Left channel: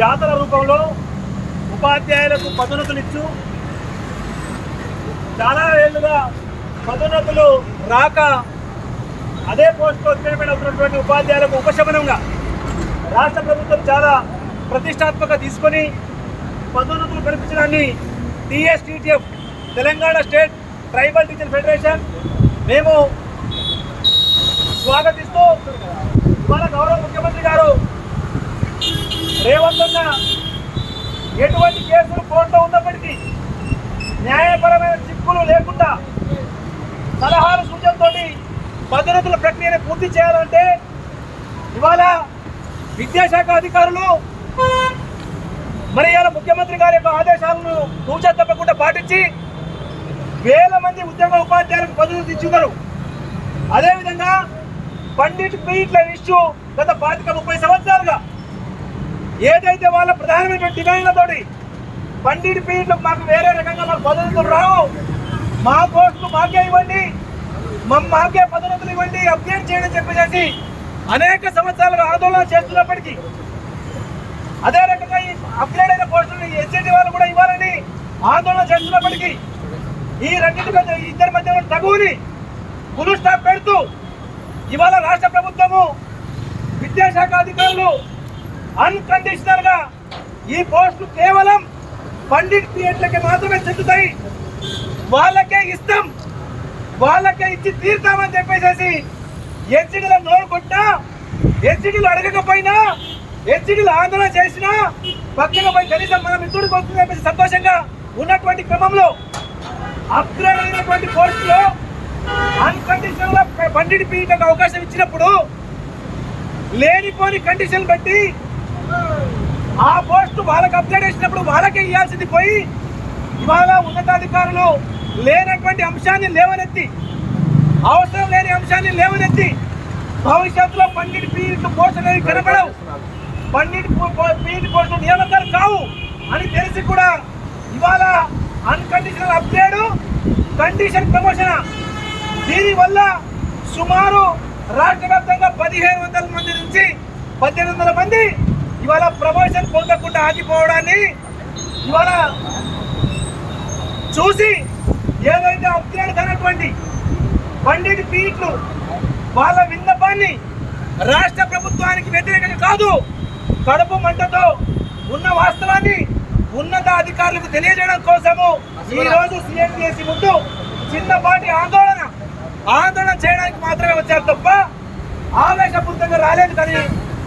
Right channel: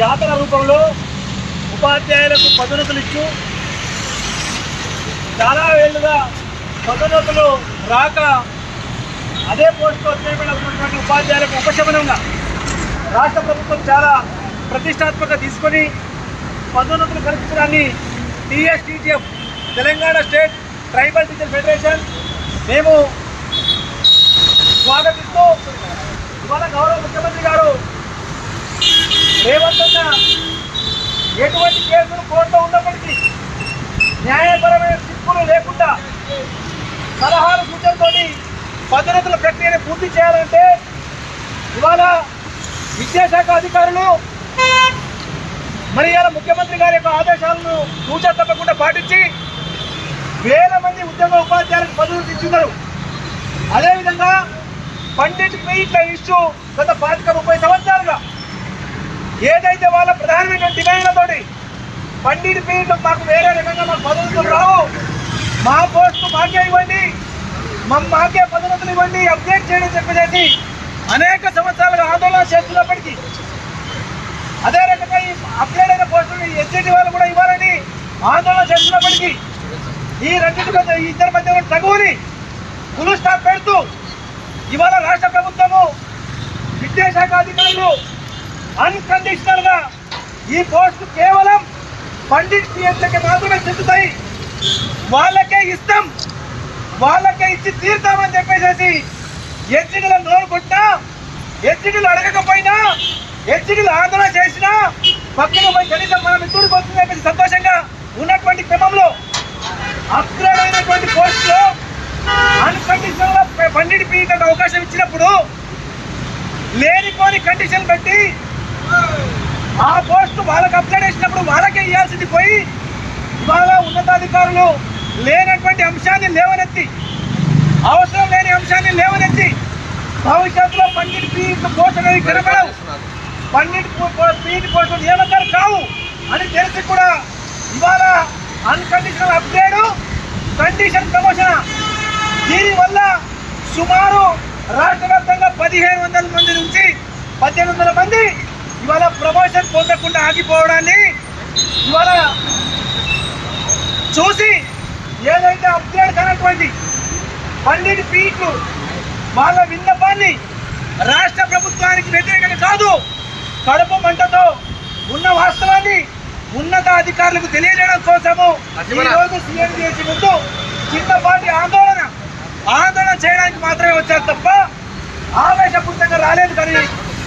జాతర రూపంలో ఉపాధ్యాయులకు పదోన్నతులు ఇచ్చు చాలా ఏళ్ళుగా పదోన్నతులు రాక అదే పోస్టులో ఉన్నటువంటి ఉపాధ్యాయులకు ఉపశమనంగా రాష్ట్ర ప్రభుత్వం చాలా ప్రతిష్టాత్మకంగా తీసుకొని పదోన్నతులు కల్పించడాన్ని TSTGF Telangana state tribal teacher federation మేము స్వాగతిస్తూ ఇవాళ గౌరవ ముఖ్యమంత్రి గారు రేవంత్ అన్న ఎటువంటి కేసులు కోర్టులో ఉన్నప్పటికీ న్యాయపరమైన చిక్కులు లేకుండా సలహాలు సూచనతో పదోన్నతుల ప్రక్రియను పూర్తి చేయాలంటే ఇవాళ విద్యాశాఖ అధికారులు మరి ఇవాళ ముఖ్యమంత్రి గారి యొక్క ఆదేశాలను తూచా తప్పకుండా పాటించి వేల మంది ఉద్యోగ ఉపాధ్యాయులకు పదవులు ఇచ్చున్నారు. అదేవిధంగా పండిట్ పీట్ల ఇష్యూ గత 25-30 సంవత్సరాలుగా ఏదైతే వాళ్ళ ప్రధానమైన డిమాండ్లతోటి పండిట్ పీట్లు మాకు వేరే రకంగా మాకు పదవులు రావు, మా పోస్టు మాకే ఇవ్వండి, మాకే పదోన్నతులు ఇవ్వండి, అప్డేట్ చేయడం చెప్పేసి అనేక సంవత్సరాలుగా ఆందోళన చేస్తున్నప్పటికీ అదే రకంగా ఈ అప్గ్రేడ్ అయిన పోస్టులు ఎస్జిటి వాళ్ళు కూడా ఇవ్వాలని ఆందోళన చేస్తున్నప్పటికీ ఈ ఇద్దరి మధ్య తగువుని ఫుల్ స్టాప్ పెడుతూ ఇవాళ రాష్ట్ర ప్రభుత్వము విద్యాశాఖ అధికారులు అన్కండిషనల్ గా ఈ పోస్టు కేవలం పండిట్ పిఎట్లకి మాత్రమే చెందుతాయి, వాళ్ళకే ఇస్తాం, వాళ్ళకే ఇచ్చి తీరుతామని చెప్పేసి ఎస్జిటీలో నోరు కొట్టినా, ఎస్జిటీలు అడగకపోయినా, ఎస్జిటీలు ఆందోళన చేసినా పక్కన పోయి కనీసం మనం ఇద్దరికి వస్తుంది చెప్పేసి సంతోషంగా ఉన్నటువంటి క్రమంలో అప్గ్రేడ్ అయినటువంటి పోస్టులో అన్కండిషనల్ గా పండిట్ పీఠకు అవకాశం ఇచ్చినప్పుడు లేనిపోని కండిషన్ పెట్టి ఆ పోస్టు వాళ్ళకి అప్గ్రేడ్ చేసినప్పుడు వాళ్ళకే ఇవ్వాల్సింది పోయి ఇవాళ ఉన్నతాధికారులు లేనటువంటి అంశాన్ని లేవనెత్తి, అవసరం లేని అంశాన్ని లేవనెత్తి భవిష్యత్తులో పండిట్ పీఠ పోస్టులు కనపడవు, పండిట్ పీఠ పోస్టులు నియామకాలు కావు అని తెలిసి కూడా ఇవాళ అన్కండిషనల్ అప్గ్రేడ్, కండిషన్ ప్రమోషన్, దీనివల్ల సుమారు రాష్ట్ర వ్యాప్తంగా 1500 మంది నుంచి 1800 మంది ఇవాళ ప్రమోషన్ పొందకుండా ఆగిపోవడాన్ని ఇవాళ చూసి ఏదైతే అప్గ్రేడ్ కానటువంటి పండిట్ పీట్లు వాళ్ళ విన్నపాన్ని రాష్ట్ర ప్రభుత్వానికి వ్యతిరేకంగా కాదు, కడుపు మంటతో ఉన్న వాస్తవాన్ని ఉన్నత అధికారులకు తెలియజేయడం కోసము ఈరోజు సీఎం చేసి ముందు చిన్నపాటి ఆందోళన చేయడానికి మాత్రమే వచ్చారు తప్ప ఆవేశపూరితంగా రాలేదు. కానీ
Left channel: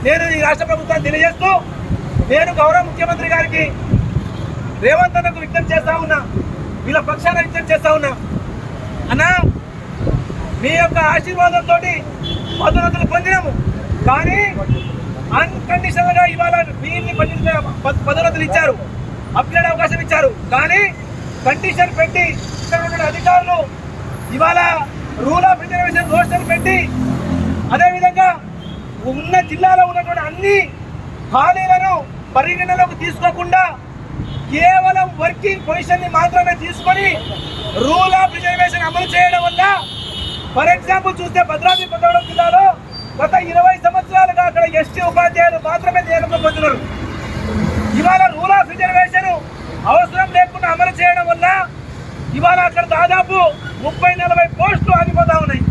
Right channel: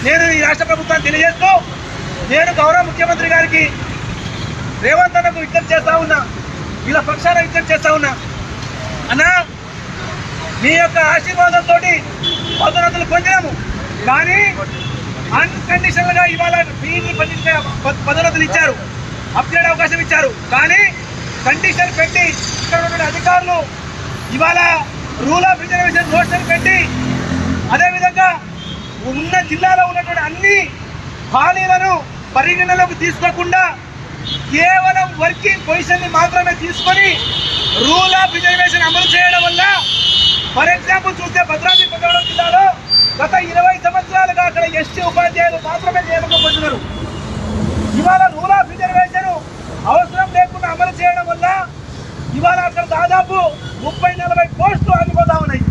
నేను ఈ రాష్ట్ర ప్రభుత్వాన్ని తెలియజేస్తూ నేను గౌరవ ముఖ్యమంత్రి గారికి రేవంత్ అన్నకు విజ్ఞప్తి చేస్తా ఉన్నా, వీళ్ళ పక్షాన విజ్ఞప్తి చేస్తా ఉన్నా, అన్నా మీ యొక్క ఆశీర్వాదంతో పదోన్నతులు పొందినాము, కానీ అన్కండిషనల్ గా ఇవాళ వీళ్ళని పదోన్నతులు ఇచ్చారు, అప్గ్రేడ్ అవకాశం ఇచ్చారు, కానీ కండిషన్ పెట్టి ఇక్కడ ఉన్న అధికారులు ఇవాళ రూల్ ఆఫ్ రిజర్వేషన్ నోట్స్ పెట్టి అదేవిధంగా ఉన్న జిల్లాలో ఉన్నటువంటి అన్ని ఖాళీలను పరిగణలోకి తీసుకోకుండా కేవలం వర్కింగ్ పొజిషన్ ని మాత్రమే తీసుకొని రూల్ ఆఫ్ రిజర్వేషన్ అమలు చేయడం వల్ల ఫర్ ఎగ్జాంపుల్ చూస్తే భద్రాద్రి కొత్తగూడెం జిల్లాలో గత 20 సంవత్సరాలుగా అక్కడ ఎస్టీ ఉపాధ్యాయులు మాత్రమే నియామకం పొందినారు. ఇవాళ రూల్ ఆఫ్ రిజర్వేషన్ అవసరం లేకుండా అమలు చేయడం వల్ల ఇవాళ అక్కడ దాదాపు 30-40 పోస్టులు ఆగిపోతా ఉన్నాయి.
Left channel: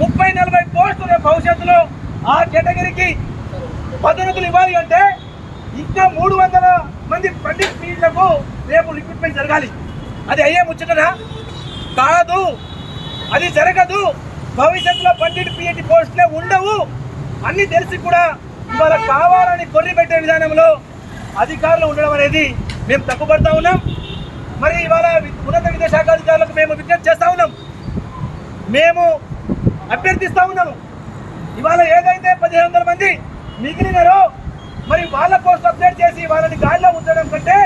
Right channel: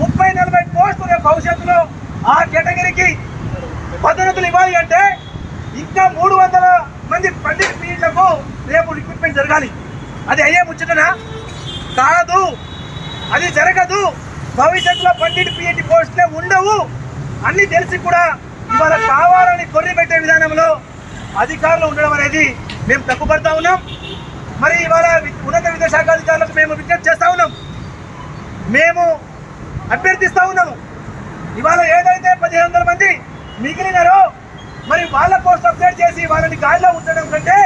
30-40 పోస్టులు రేపు భవిష్యత్తులో ఆ కేటగిరీకి పదోన్నతులు ఇవ్వాలి అంటే ఇంకా 300 మంది పండిట్ పీఠలకు రేపు రిక్రూట్మెంట్ జరగాలి. అది అయ్యే ముచ్చటనా? కాదు, అది జరగదు. భవిష్యత్తులో పండిట్ పిహెచ్ పోస్టులే ఉండవు అన్ని తెలిసి కూడా ఇవాళ కావాలని కొర్రి పెట్టే విధానంలో అధికారులు ఉండడం అనేది మేము తప్పుపడతా ఉన్నాం. మరి ఇవాళ ఉన్నత విద్యాశాఖ అధికారులకు మేము విజ్ఞప్తి చేస్తా ఉన్నాం, మేము అభ్యర్థిస్తా ఉన్నాము. ఇవాళ ఏదైతే 1500 మంది మిగిలినారో మరి వాళ్ళ పోస్ట్ అప్డేట్ చేసి వాళ్ళని గాలిలో ఉంచడం కంటే